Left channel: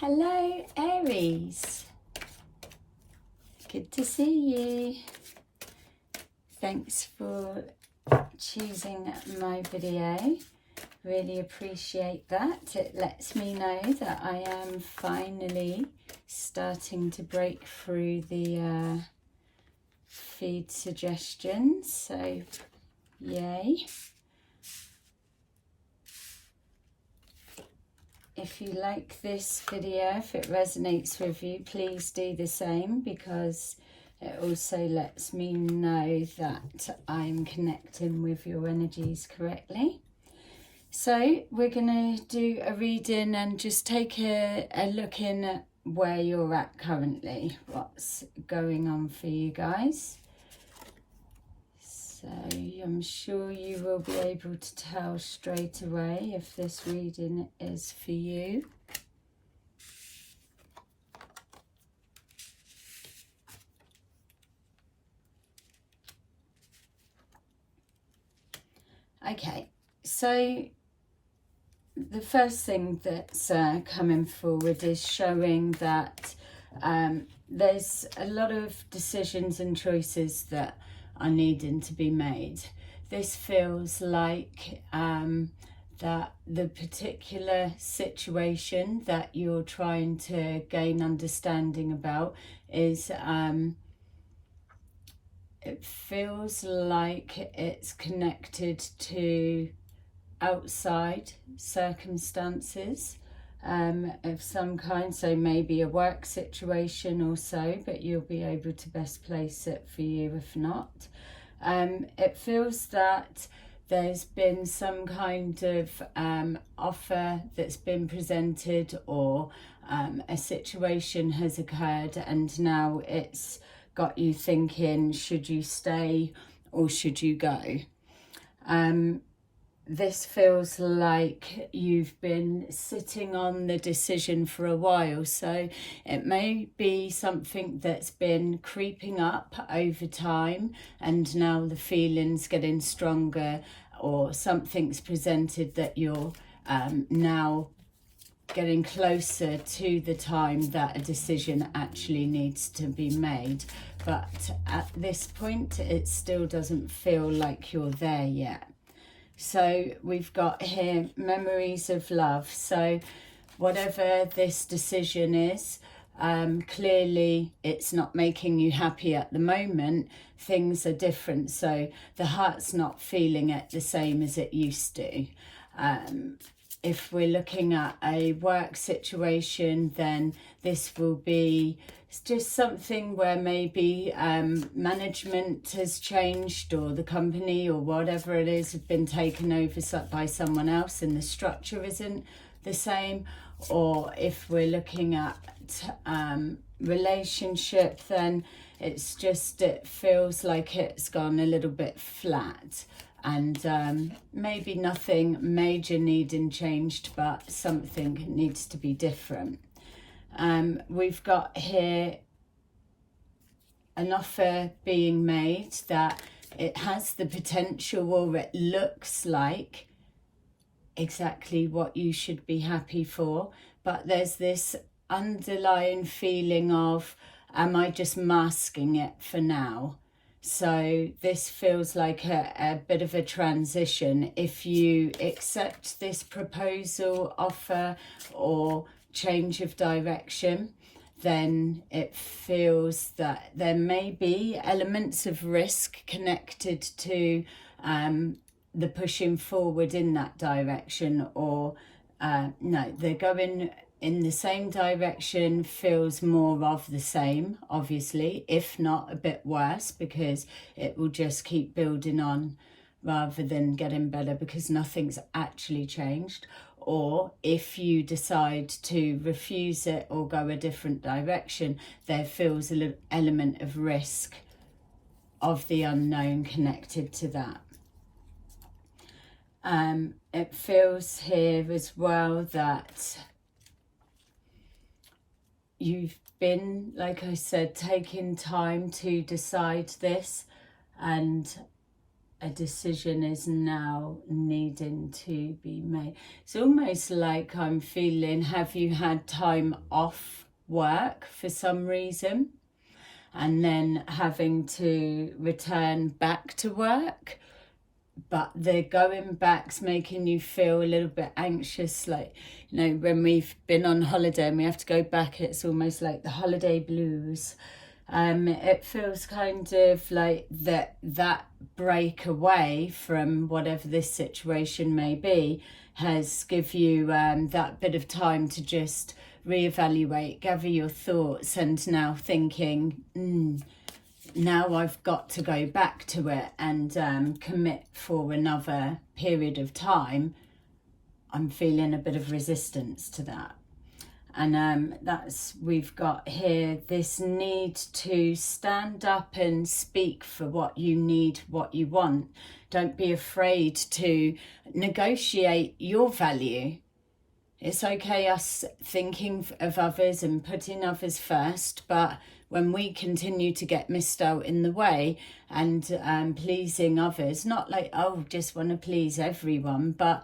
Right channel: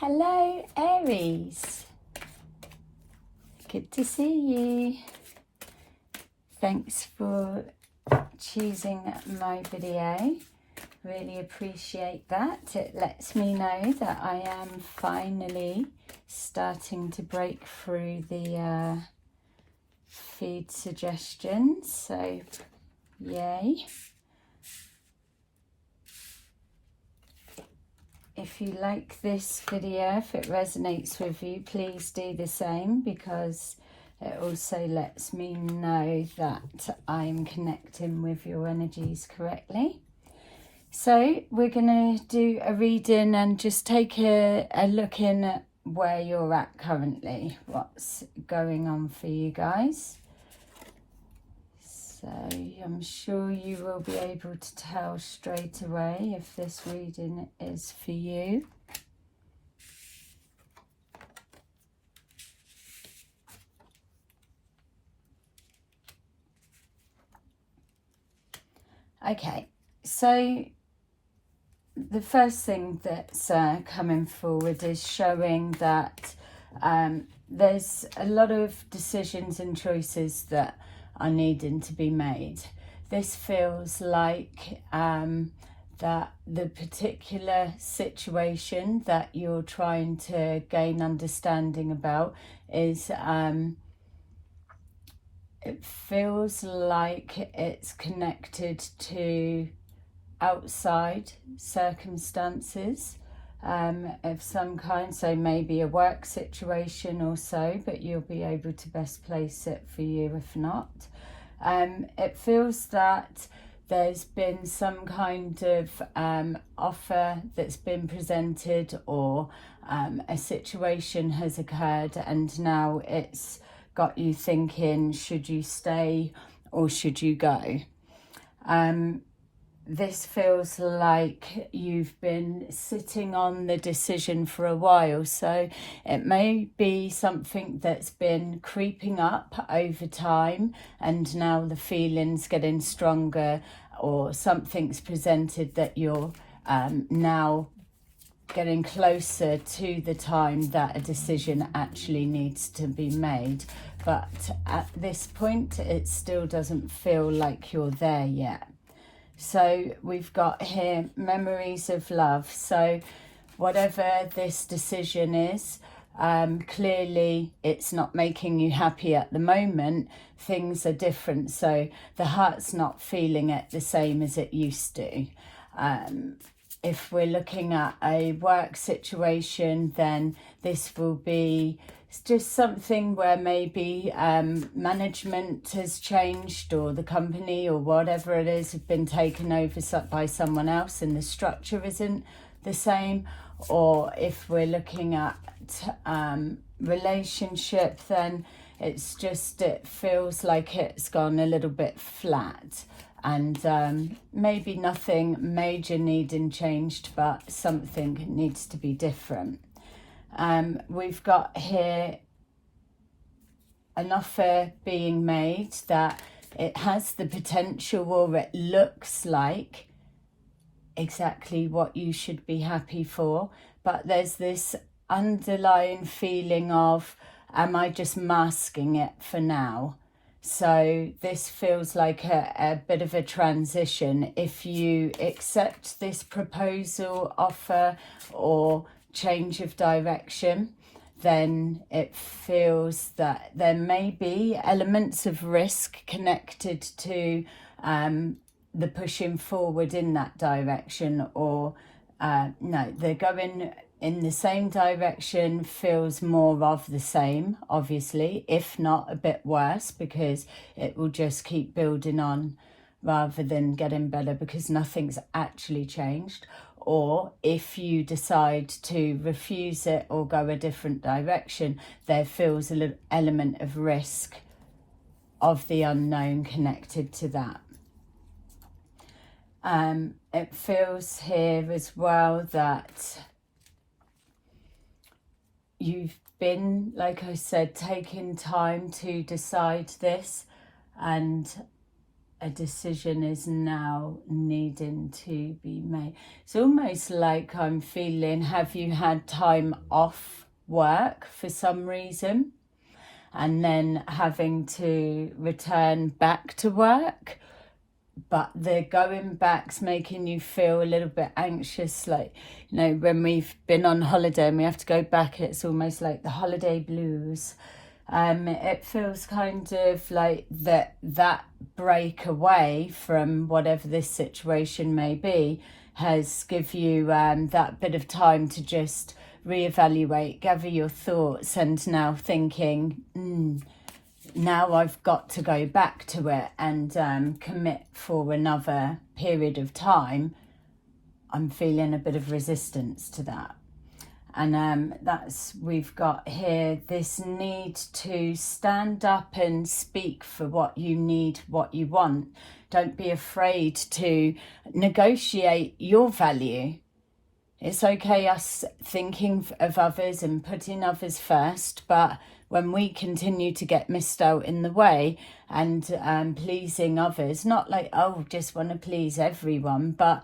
Hello Aries, good to see you. Thanks for choosing my video, really appreciate that. It lets me know that I am finally starting to break through the feed suggestions, so yay. If you like this video, if it resonates with you, please do the same, because it also lets me know that I'm connecting with your energies correctly. So we're going to do a reading and just take a look in at where you're at currently, what's going on for you guys. So I'm sure you will be able to tell straight away if this reading is for you. Okay, so the first thing that's coming forward is showing that there's a lot of decisions and choices that are needing to be made. This feels like that the particular situation that you're trying to gain understanding about is it feels like it's connected to outside circumstances of some kind, so maybe a work situation or so, but you'll be able to best place it for you if not. It feels that there's been some kind of offer that's been presented, or a situation has occurred and now it's got you thinking, should you stay or should you go? This feels like you've been sitting on the decision for a while, so it may be something that's been creeping up over time and now the feeling's getting stronger, or something's presented that you're now getting closer to the time that a decision actually needs to be made. But at this point, it still doesn't feel like you're there yet. So we've got here memories of love. So whatever this decision is, clearly it's not making you happy at the moment. Things are different, so the heart's not feeling it the same as it used to. If we're looking at a work situation, then this will be just something where maybe management has changed, or the company or whatever it is have been taken over by someone else and the structure isn't the same. Or if we're looking at relationship, then it's just, it feels like it's gone a little bit flat, and maybe nothing major needing changed, but something needs to be different. We've got here an offer being made that it has the potential, or it looks like exactly what you should be happy for, but there's this underlying feeling of, am I just masking it for now? So this feels like a bit of a transition. If you accept this proposal, offer, or change of direction, then it feels that there may be elements of risk connected to the pushing forward in that direction, or no, they're going in the same direction. Feels more of the same, obviously, if not a bit worse, because it will just keep building on rather than getting better, because nothing's actually changed. Or if you decide to refuse it or go a different direction, there feels a little element of risk of the unknown connected to that. It feels here as well that you've been, like I said, taking time to decide this, and a decision is now needing to be made. It's almost like I'm feeling, have you had time off work for some reason and then having to return back to work, but the going back's making you feel a little bit anxious, like, you know, when we've been on holiday and we have to go back, it's almost like the holiday blues. It feels kind of like that break away from whatever this situation may be has give you that bit of time to just reevaluate, gather your thoughts, and now thinking, now I've got to go back to it and commit for another period of time. I'm feeling a bit of resistance to that. And we've got here this need to stand up and speak for what you need, what you want. Don't be afraid to negotiate your value. It's okay us thinking of others and putting others first, but when we continue to get missed out in the way and pleasing others, not like, oh, just want to please everyone, but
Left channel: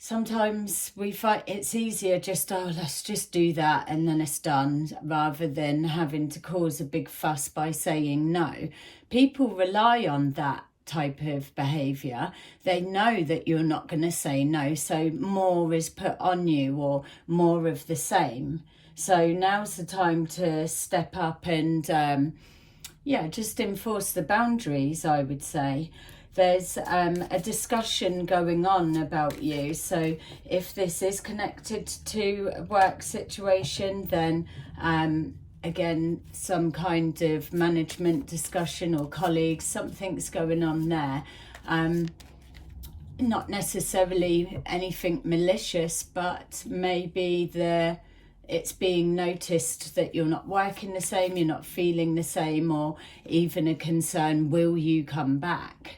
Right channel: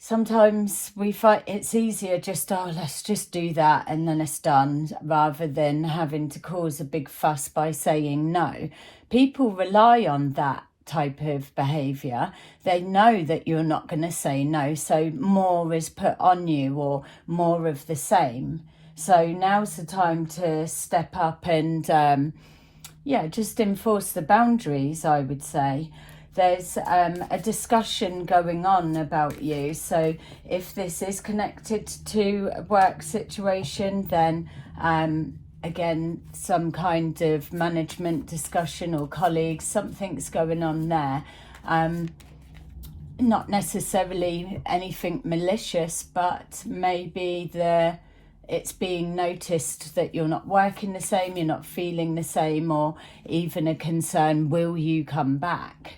sometimes we find it's easier just, oh, let's just do that and then it's done, rather than having to cause a big fuss by saying no. People rely on that type of behaviour. They know that you're not going to say no, so more is put on you or more of the same. So now's the time to step up and, just enforce the boundaries, I would say. There's a discussion going on about you. So if this is connected to a work situation, then again, some kind of management discussion or colleagues, something's going on there. Not necessarily anything malicious, but maybe it's being noticed that you're not working the same, you're not feeling the same, or even a concern, will you come back?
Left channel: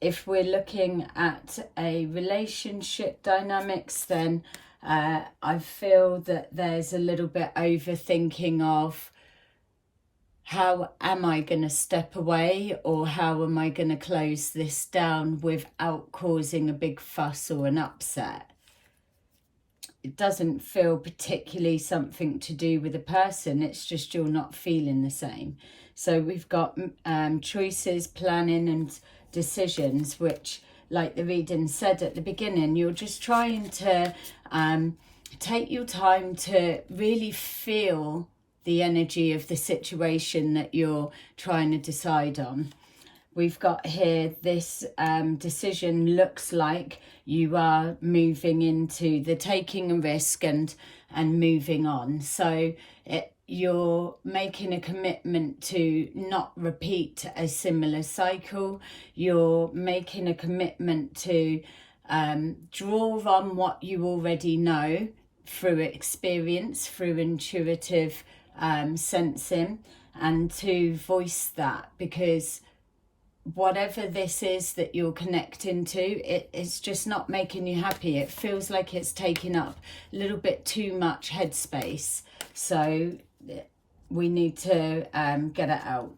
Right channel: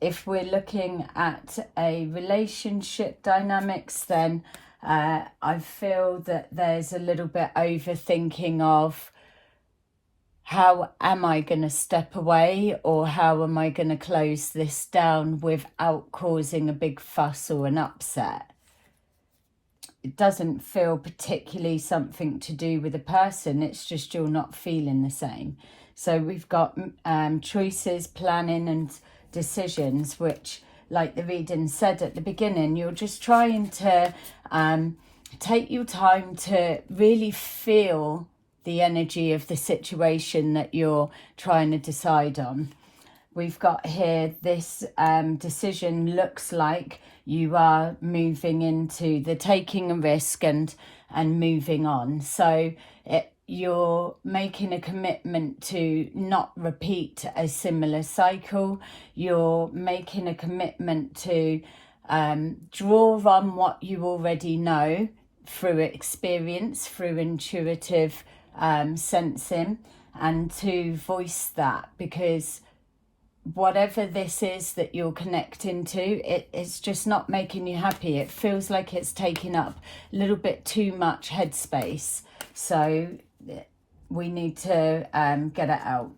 If we're looking at a relationship dynamics, then I feel that there's a little bit overthinking of, how am I going to step away, or how am I going to close this down without causing a big fuss or an upset? It doesn't feel particularly something to do with a person, it's just you're not feeling the same. So we've got choices, planning and decisions, which, like the reading said at the beginning, you're just trying to take your time to really feel the energy of the situation that you're trying to decide on. We've got here this decision looks like you are moving into the taking a risk and moving on. So you're making a commitment to not repeat a similar cycle. You're making a commitment to draw on what you already know through experience, through intuitive sensing, and to voice that, because whatever this is that you're connecting to, it's just not making you happy. It feels like it's taking up a little bit too much headspace. So we need to get it out.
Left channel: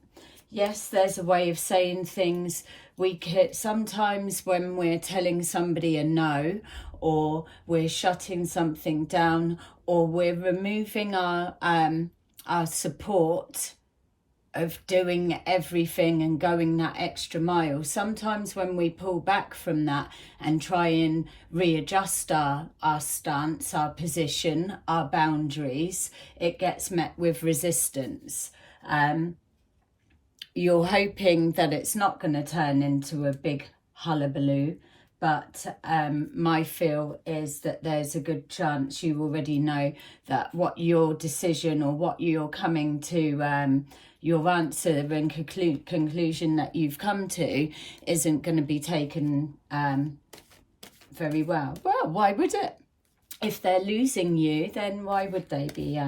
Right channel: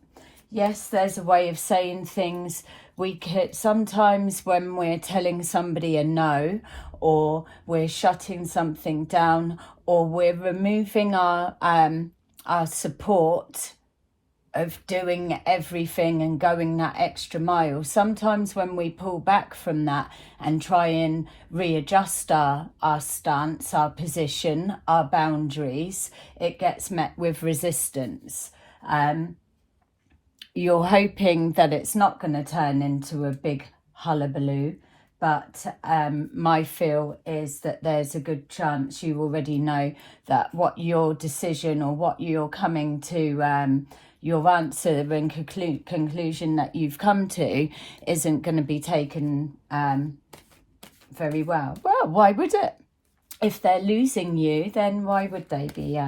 Yes, there's a way of saying things. We could sometimes, when we're telling somebody a no, or we're shutting something down, or we're removing our support of doing everything and going that extra mile, sometimes when we pull back from that and try and readjust our stance, our position, our boundaries, it gets met with resistance. You're hoping that it's not going to turn into a big hullabaloo, but my feel is that there's a good chance you already know that what your decision or what you're coming to your answer and conclusion that you've come to isn't going to be taken very well. Well, why would it? If they're losing you, then why would they be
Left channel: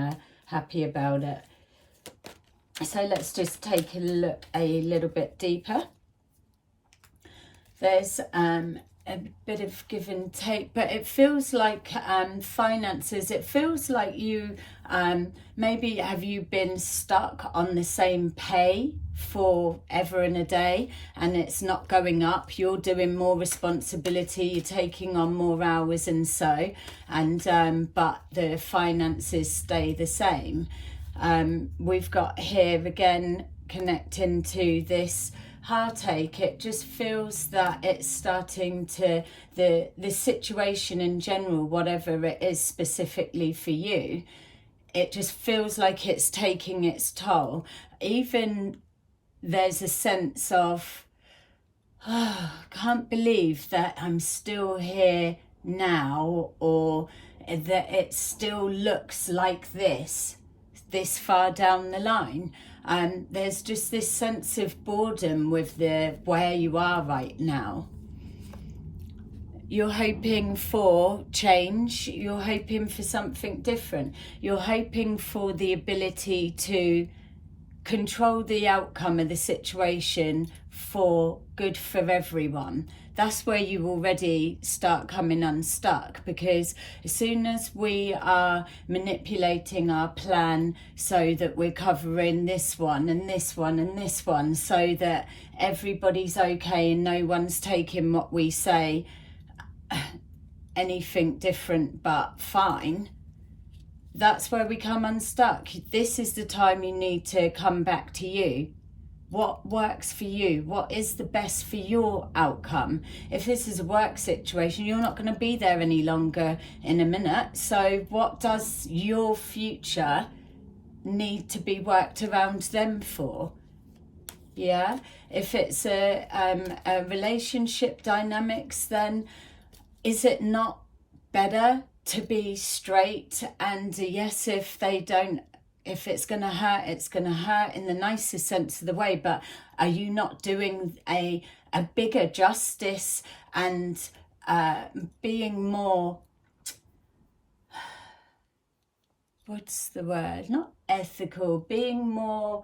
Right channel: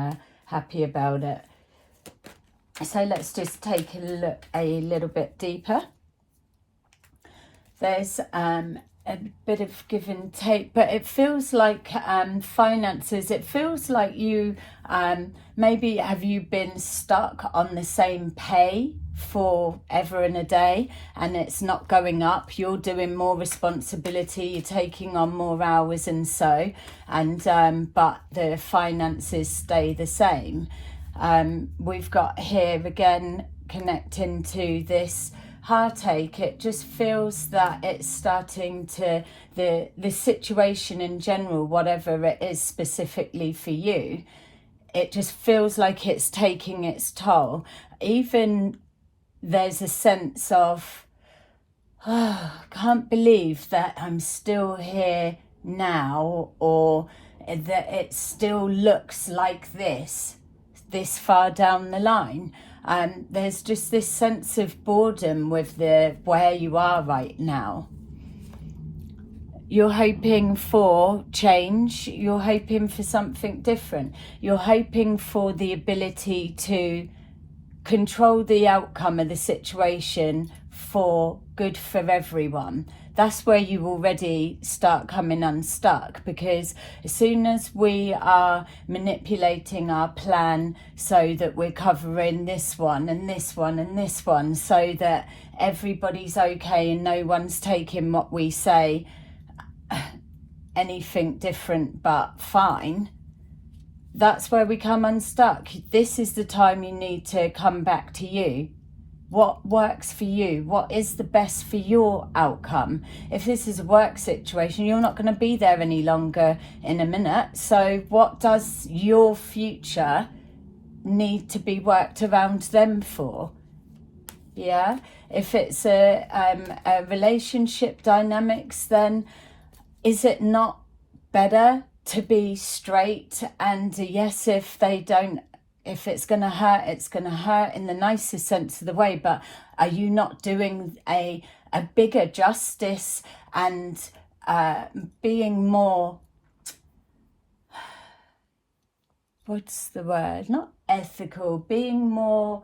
happy about it? So let's just take a look a little bit deeper. There's a bit of give and take, but it feels like finances. It feels like you maybe have you been stuck on the same pay forever and a day, and it's not going up. You're doing more responsibility, you're taking on more hours and so, and but the finances stay the same. We've got here again connecting to this heartache. It just feels that it's starting to, the situation in general, whatever it is specifically for you, it just feels like it's taking its toll. Even there's a sense of, oh, I can't believe that I'm still here now, or that it still looks like this far down the line. There's just this sense of boredom with where you are right now. You're hoping for change. You're hoping for something different. You're hoping for the ability to control the outcome of the situation for good for everyone. That's where you already start coming unstuck, because as soon as we are manipulating our plan so that we're covering this one and this one and this one so that everybody's okay and no one's taking what we say anything different but fine, that's where we come unstuck. This is the time you need to come back to you. What works for you? What is the best for your outcome? If this is a work situation, you're not going to be there any longer in a minute. So what does your future need to be worked around them for? Yeah. If it's a relationship dynamics, then is it not better to be straight and yes, if they don't, if it's going to hurt, it's going to hurt in the nicest sense of the way, but are you not doing a bigger justice and being more, what's the word, not ethical, being more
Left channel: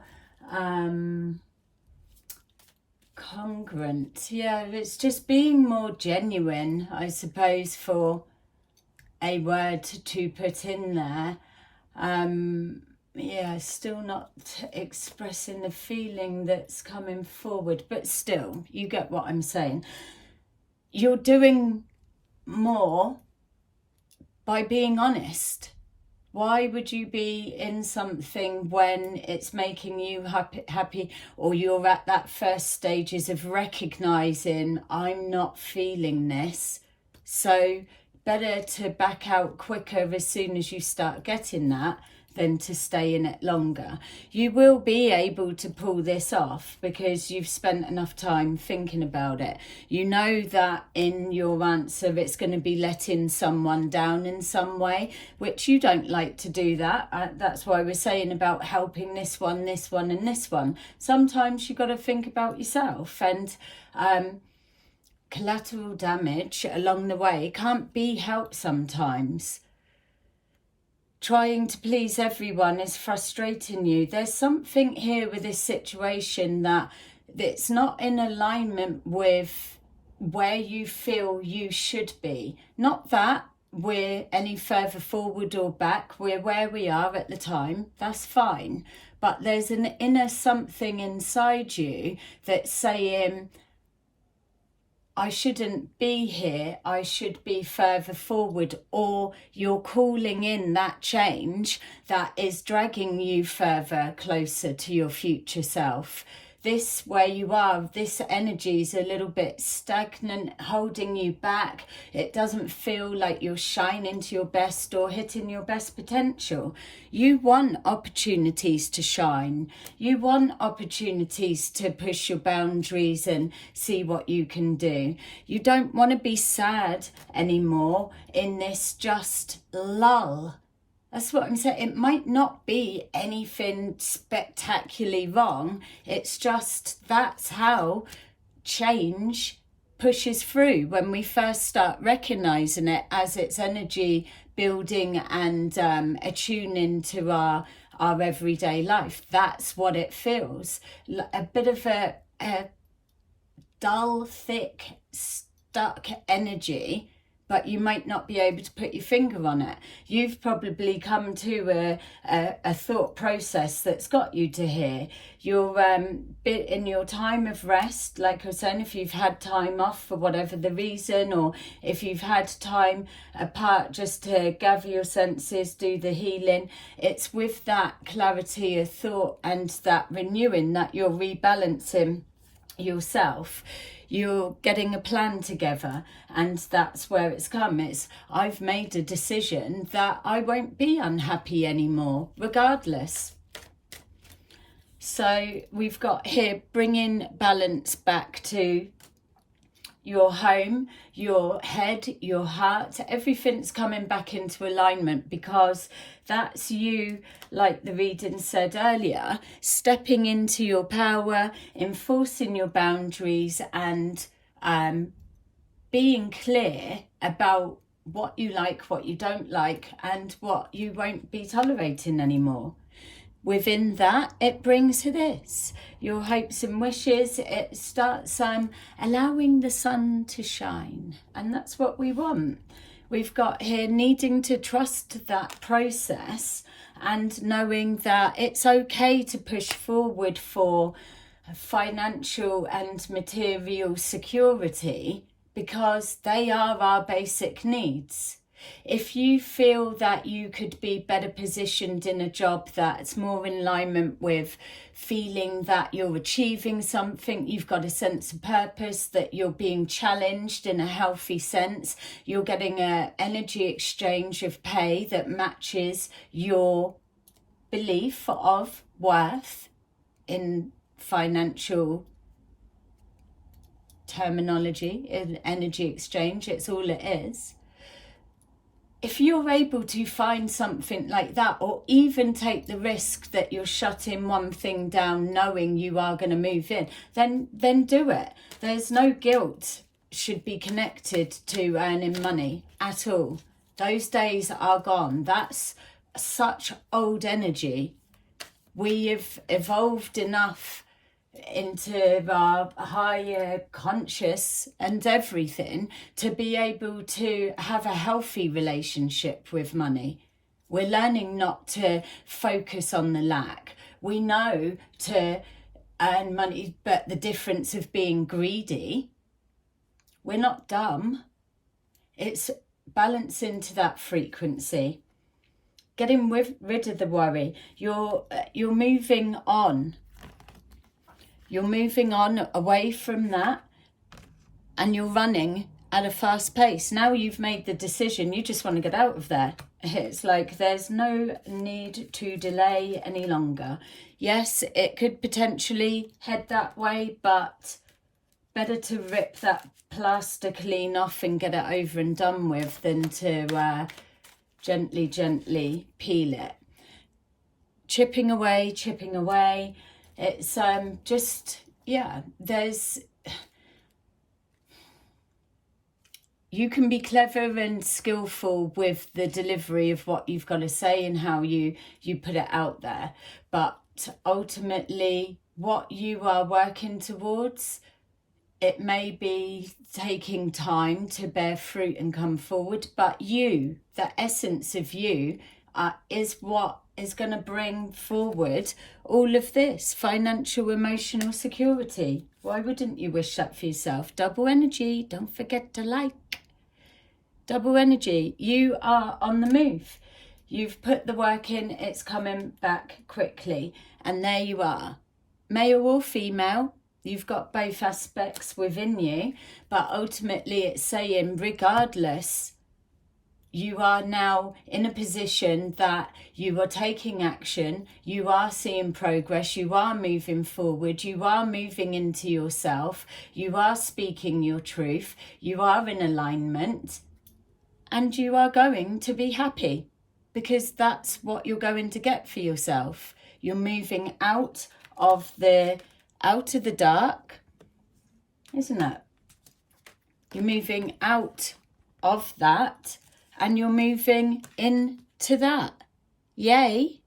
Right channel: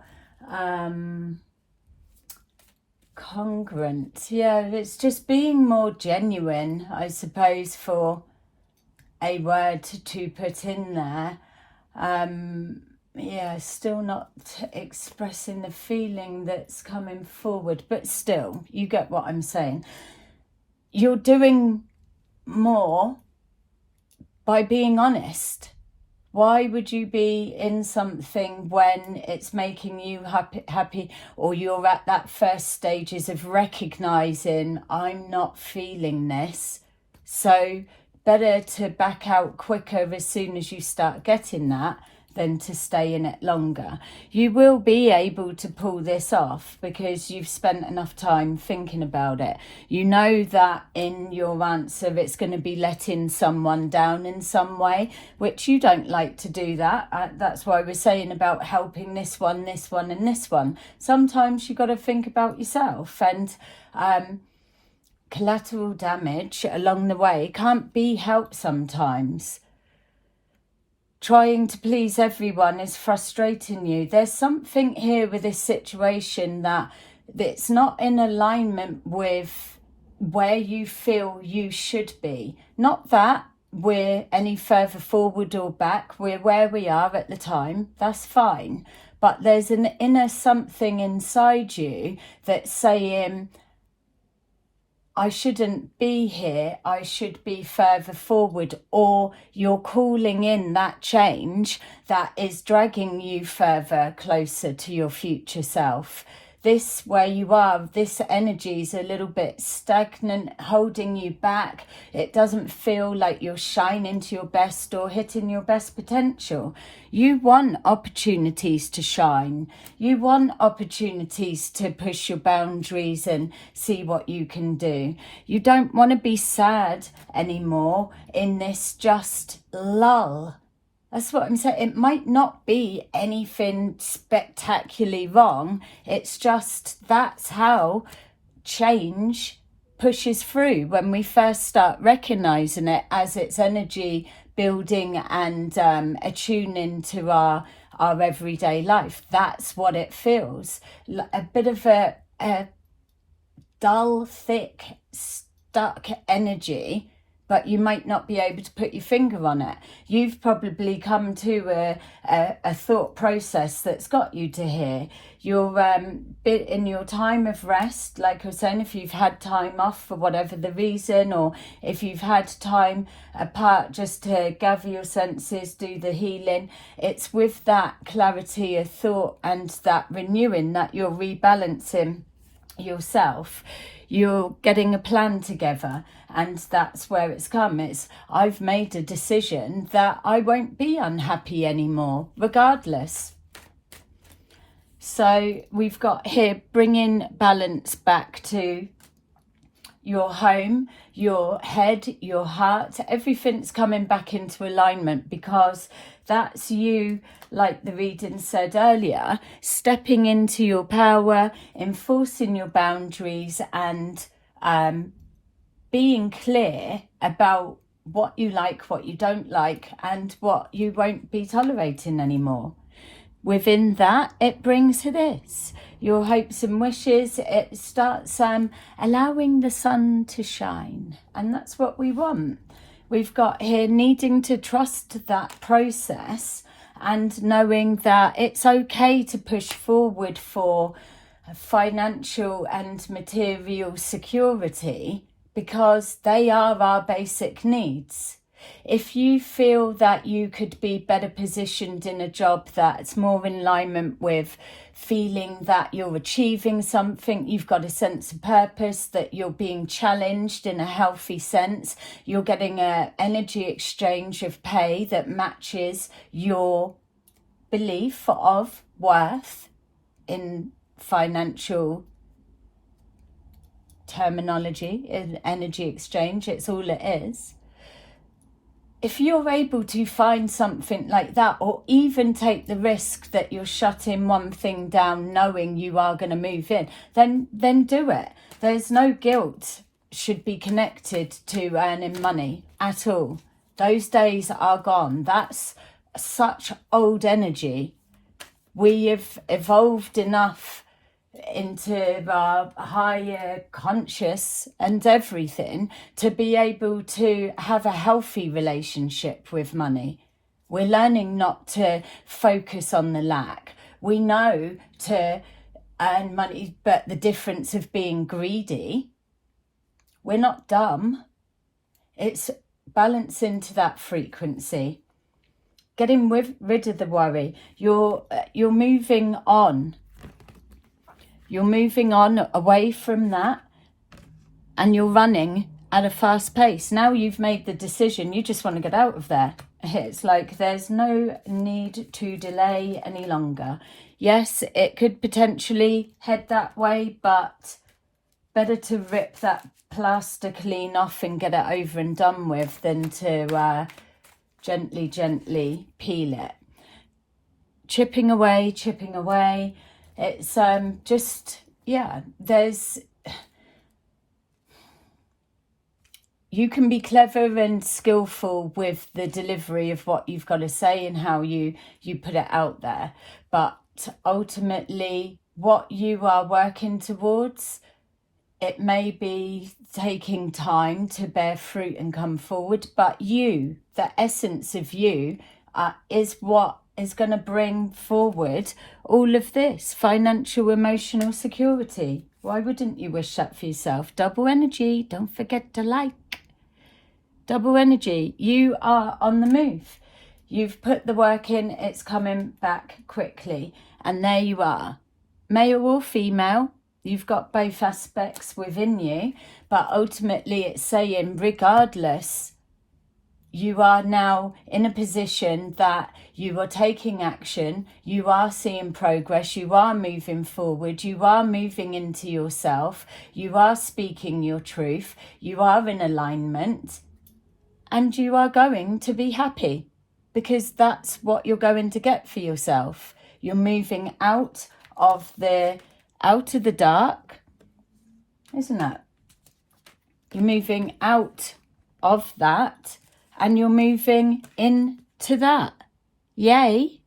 congruent? Yeah, it's just being more genuine, I suppose, for a word to put in there. Yeah, still not expressing the feeling that's coming forward, but still, you get what I'm saying. You're doing more by being honest. Why would you be in something when it's making you happy, or you're at that first stages of recognizing I'm not feeling this? So better to back out quicker as soon as you start getting that than to stay in it longer. You will be able to pull this off because you've spent enough time thinking about it. You know that in your answer it's going to be letting someone down in some way, which you don't like to do that. That's why we're saying about helping this one, and this one. Sometimes you got to think about yourself, and collateral damage along the way can't be helped sometimes. Trying to please everyone is frustrating you. There's something here with this situation that's not in alignment with where you feel you should be. Not that we're any further forward or back. We're where we are at the time. That's fine. But there's an inner something inside you that's saying, I shouldn't be here, I should be further forward, or you're calling in that change that is dragging you further closer to your future self. This, where you are, this energy is a little bit stagnant, holding you back. It doesn't feel like you're shining to your best or hitting your best potential. You want opportunities to shine. You want opportunities to push your boundaries and see what you can do. You don't want to be sad anymore in this just lull. That's what I'm saying. It might not be anything spectacularly wrong. It's just that's how change pushes through when we first start recognizing it as its energy building and attuning to our everyday life. That's what it feels. A bit of a dull, thick, stuck energy. but you might not be able to put your finger on it. You've probably come to a thought process that's got you to here. You're bit in your time of rest, like I was saying, if you've had time off for whatever the reason, or if you've had time apart just to gather your senses, do the healing, it's with that clarity of thought and that renewing that you're rebalancing yourself. You're getting a plan together, and that's where it's come. I've made a decision that I won't be unhappy anymore, regardless. So we've got here bringing balance back to your home, your head, your heart. Everything's coming back into alignment, because that's you, like the reading said earlier, stepping into your power, enforcing your boundaries, and being clear about what you like, what you don't like, and what you won't be tolerating anymore. Within that, it brings this, your hopes and wishes. It starts allowing the sun to shine, and that's what we want. We've got here needing to trust that process and knowing that it's okay to push forward for financial and material security, because they are our basic needs. If you feel that you could be better positioned in a job that's more in alignment with feeling that you're achieving something, you've got a sense of purpose, that you're being challenged in a healthy sense, you're getting an energy exchange of pay that matches your belief of worth in financial terminology, in energy exchange, it's all it is. If you're able to find something like that, or even take the risk that you're shutting one thing down knowing you are going to move in, then do it. There's no guilt should be connected to earning money at all. Those days are gone. That's such old energy. We have evolved enough into our higher conscious and everything to be able to have a healthy relationship with money. We're learning not to focus on the lack. We know to earn money, but the difference of being greedy, we're not dumb. It's balancing to that frequency, getting rid of the worry. You're moving on. You're moving on away from that, and you're running at a fast pace. Now you've made the decision, you just want to get out of there. It's like there's no need to delay any longer. Yes, it could potentially head that way, but better to rip that plaster clean off and get it over and done with than to gently peel it. Chipping away. It's just, yeah, you can be clever and skillful with the delivery of what you've got to say and how you put it out there. But ultimately, what you are working towards, it may be taking time to bear fruit and come forward, but you, the essence of you, is what is going to bring forward all of this financial, emotional security. Why wouldn't you wish that for yourself? Double energy, don't forget to like. Double energy, you are on the move. You've put the work in, it's coming back quickly, and there you are. Male or female, you've got both aspects within you, but ultimately it's saying regardless, you are now in a position that you are taking action, you are seeing progress, you are moving forward, you are moving into yourself, you are speaking your truth, you are in alignment, and you are going to be happy, because that's what you're going to get for yourself. You're moving out of the dark, isn't it? You're moving out of that, and you're moving into that. Yay.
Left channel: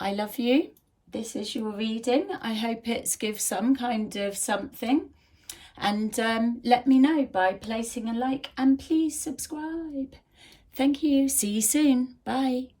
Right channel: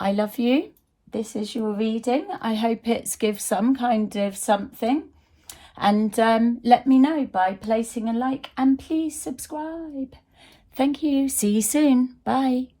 I love you. this is your reading. I hope it's gives some kind of something. And let me know by placing a like, and please subscribe. Thank you. See you soon. Bye.